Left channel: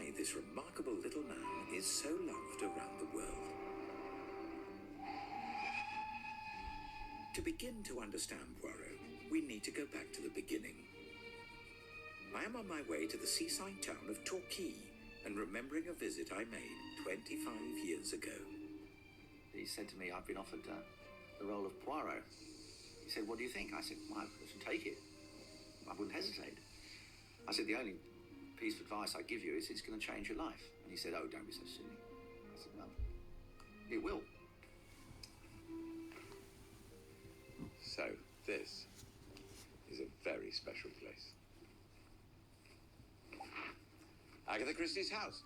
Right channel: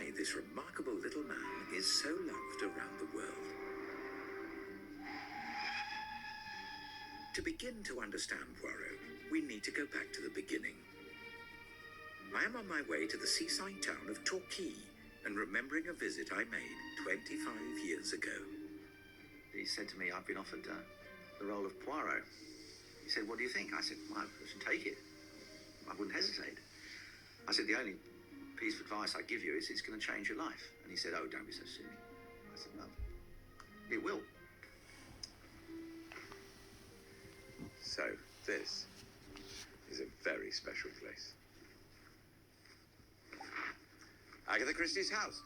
why this remarkable little man is so loved around the world. To begin to understand Poirot, we need to go back to the beginning. I am on my way to the seaside town of Torquay and remembering a visit I made 25 years ago. He said to me, I've been offered the role of Poirot. He said, what do you think? I said, well, I should take it. I wouldn't hesitate. I said, the only piece of advice I give you is it's going to change your life. And he said, oh, don't be so silly. I said, no, it will. So, this is a very special place. Agatha Christie's house.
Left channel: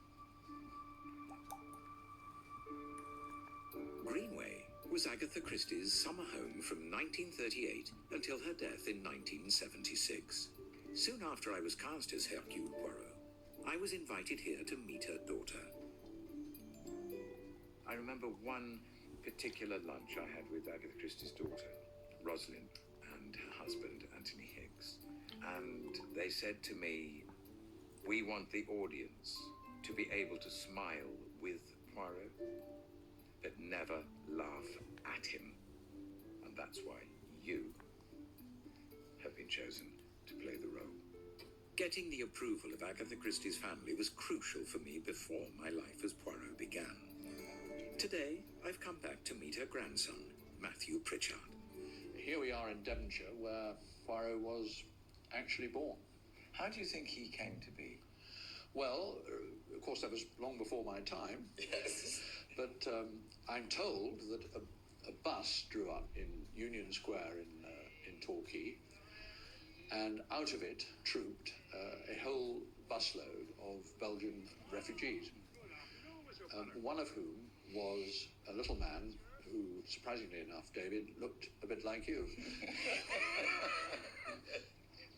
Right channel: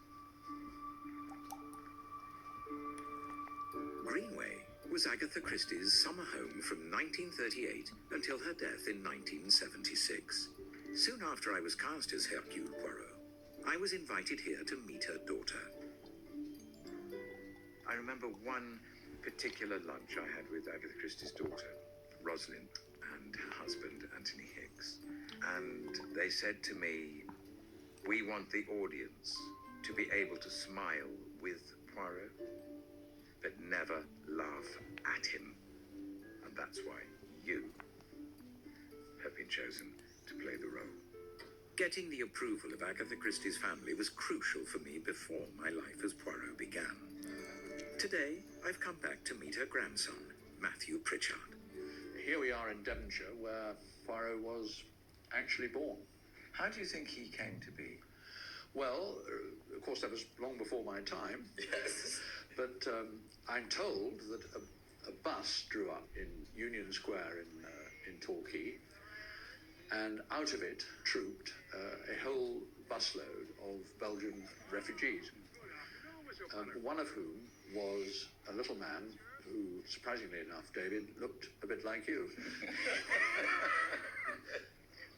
Greenway was Agatha Christie's summer home from 1938 until her death in 1976. Soon after I was cast as Hercule Poirot, I was invited here to meet her daughter. I remember one particular lunch I had with Agatha Christie's daughter, Rosalind, and her husband, Anthony Hicks. And they said to me, we want the audience to be able to smile with Poirot, but never laugh at him. And that's why you have been chosen to play the role. Getting the approval of Agatha Christie's family was crucial for me before my life as Poirot began. Today, I've come back to meet her grandson, Matthew Pritchard. Here we are in Devonshire, where Poirot was actually born. How do you think he came to be? Well, of course, that was long before my time. Yes. But I'm told that a bus drew up in Union Square in Torquay, and out of it trooped a whole busload of Belgian refugees, one of whom was a little man who, surprisingly enough, David, looked a bit like you.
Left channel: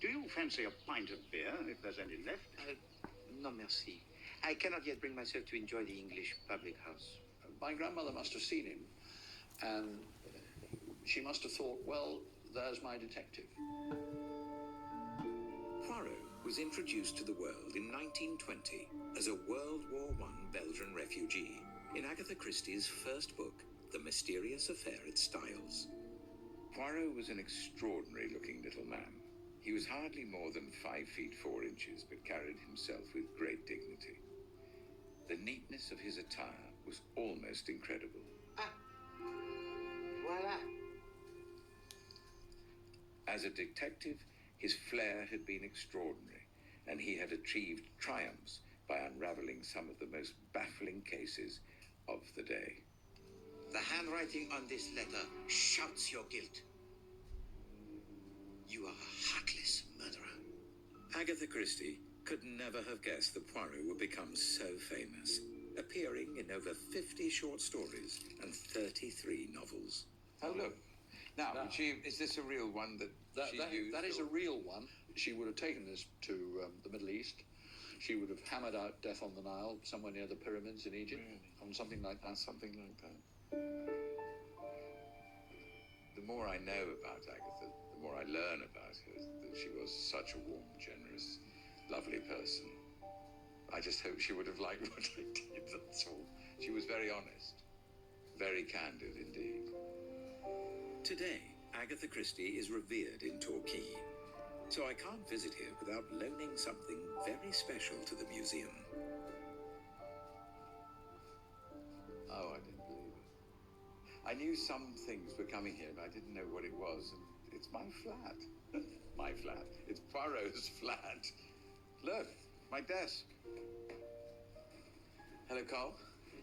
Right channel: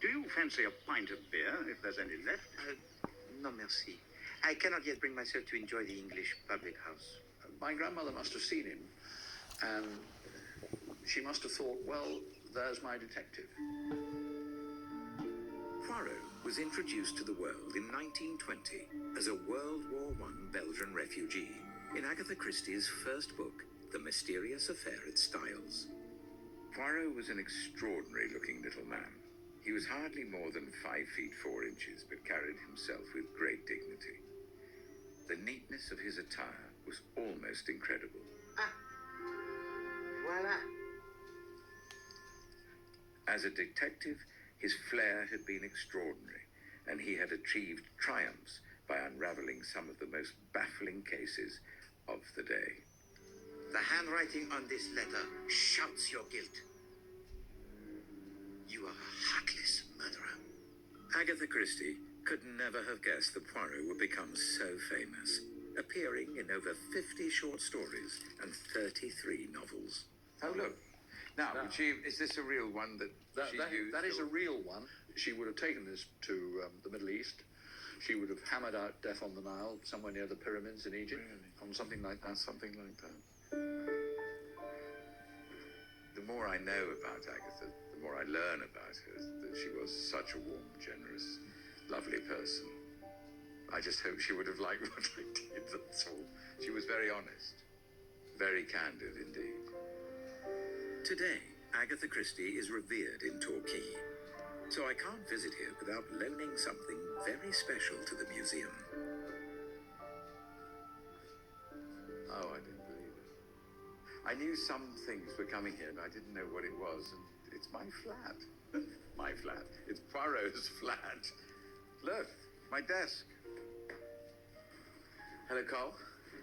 Do you fancy a pint of beer, if there's any left? No, merci. I cannot yet bring myself to enjoy the English public house. My grandmother must have seen him, and she must have thought, well, there's my detective. Poirot was introduced to the world in 1920 as a World War I Belgian refugee in Agatha Christie's first book, The Mysterious Affair at Styles. Poirot was an extraordinary-looking little man. He was hardly more than 5 feet 4 inches, but carried himself with great dignity. The neatness of his attire was almost incredible. Ah, voila. As a detective, his flair had been extraordinary, and he had achieved triumphs by unraveling some of the most baffling cases of the day. The handwriting on this letter shouts your guilt. You are a heartless murderer. Agatha Christie could never have guessed that Poirot would become so famous, appearing in over 50 short stories and 33 novels. Oh, look. Now, is this a real one that she used? That is a real one. She would have taken this to the Middle East. She would have hammered out Death on the Nile, somewhere near the pyramids in Egypt, on something like that. Something like that. The more I know about Agatha, the more I learn about her, that she was such a warm, generous, lovely person. I just hope she would have liked what I did, that's all. She was very honest, very candid indeed. Today, Agatha Christie is revered in Torquay, so I can't visit here without loaning something very special to the museum. Oh, I didn't believe it. I knew some things were coming here, but I didn't know what it was, and it's my flat. My flat. It's Poirot's flat. Look, my desk. Hello, Cole.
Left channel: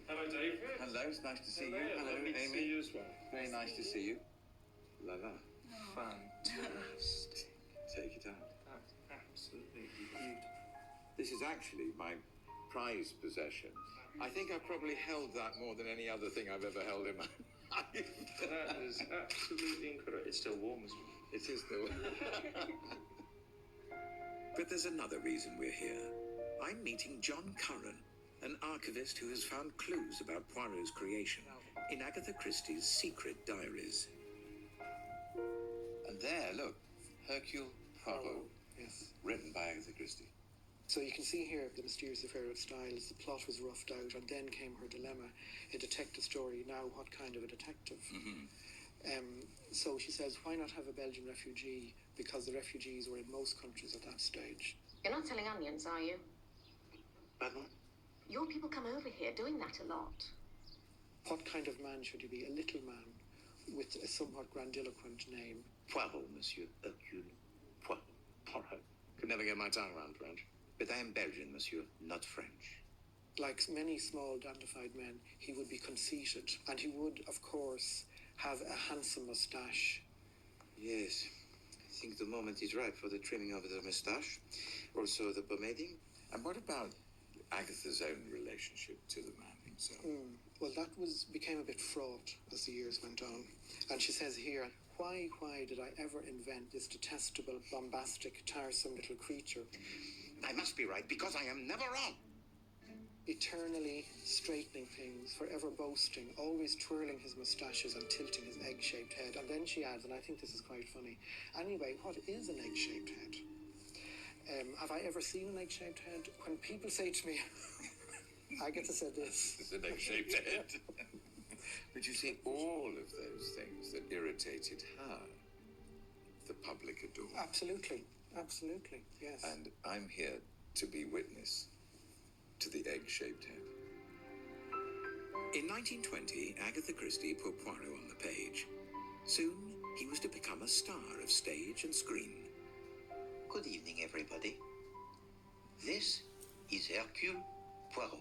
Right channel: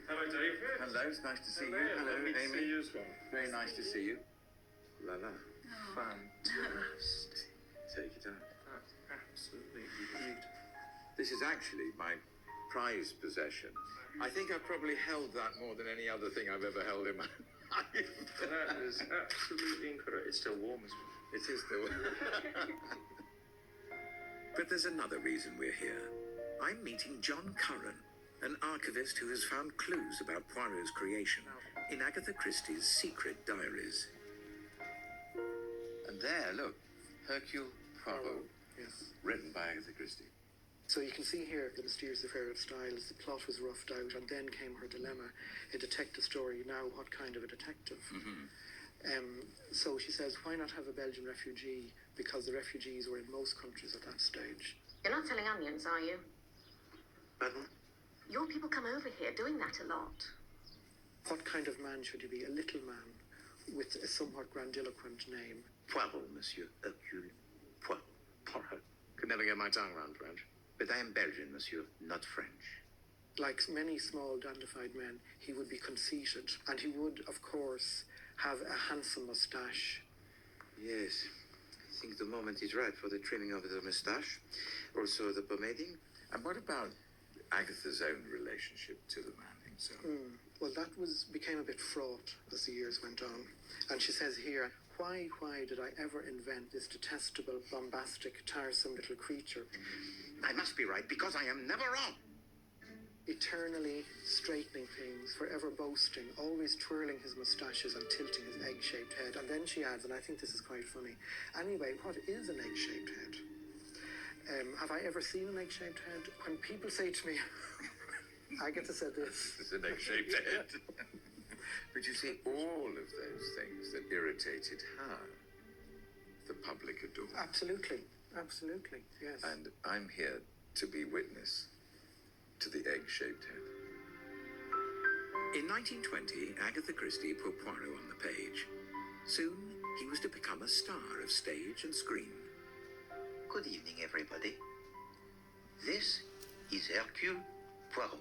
Hello, David. Hello, it's nice to see you. Hello, Amy. to see you as well. Very nice to see you. La la. Oh. Fantastic. Take it out. That's absolutely beautiful. This is actually my prized possession. I think I've probably held that more than any other thing I've ever held in my life. That is absolutely incredible. It's still warm as well. It is still. But there's another reason we're here. I'm meeting John Curran, an archivist who has found clues about Poirot's creation in Agatha Christie's secret diaries. And there, look, Hercule Poirot, Yes. written by Agatha Christie. So you can see here the mysterious affair of Styles. The plot was roughed out, and then came her dilemma: a detective story. Now, what kind of a detective? So she says, why not have a Belgian refugee? Because the refugees were in most countries at that stage. You're not selling onions, are you? Pardon? Your people come over here doing that a lot. What kind of man should you be? A little man with a somewhat grandiloquent name. Poirot, Monsieur. Hercule Poirot. Poirot. Could never get my tongue around French. But I am Belgian, Monsieur, not French. Like many small, dandified men, he would be conceited, and he would, of course, have a handsome moustache. Yes, I think the moment is right for the trimming of the moustache. Also the pomading. And what about Agatha's own relationship to the man himself? Well, that became a bit fraught as the years went on. And she says here, why did I ever invent this detestable, bombastic, tiresome little creature? I must be right, because I am never wrong. Eternally straightening things, forever boasting, always twirling his moustaches and tilting his egg-shaped head. And then she adds, and I think this is quite funny, anyway, what is an egg-shaped head? Have I ever seen an egg-shaped head? When people say to me, Agatha said this. It's an egg-shaped head. But you see, all of those things that irritated her, the public adored. Absolutely, yes. And I'm here to be witness to the egg-shaped head. In 1920, Agatha Christie put Poirot on the page. Soon, he was to become a star of stage and screen. Good evening, everybody. This is Hercule Poirot.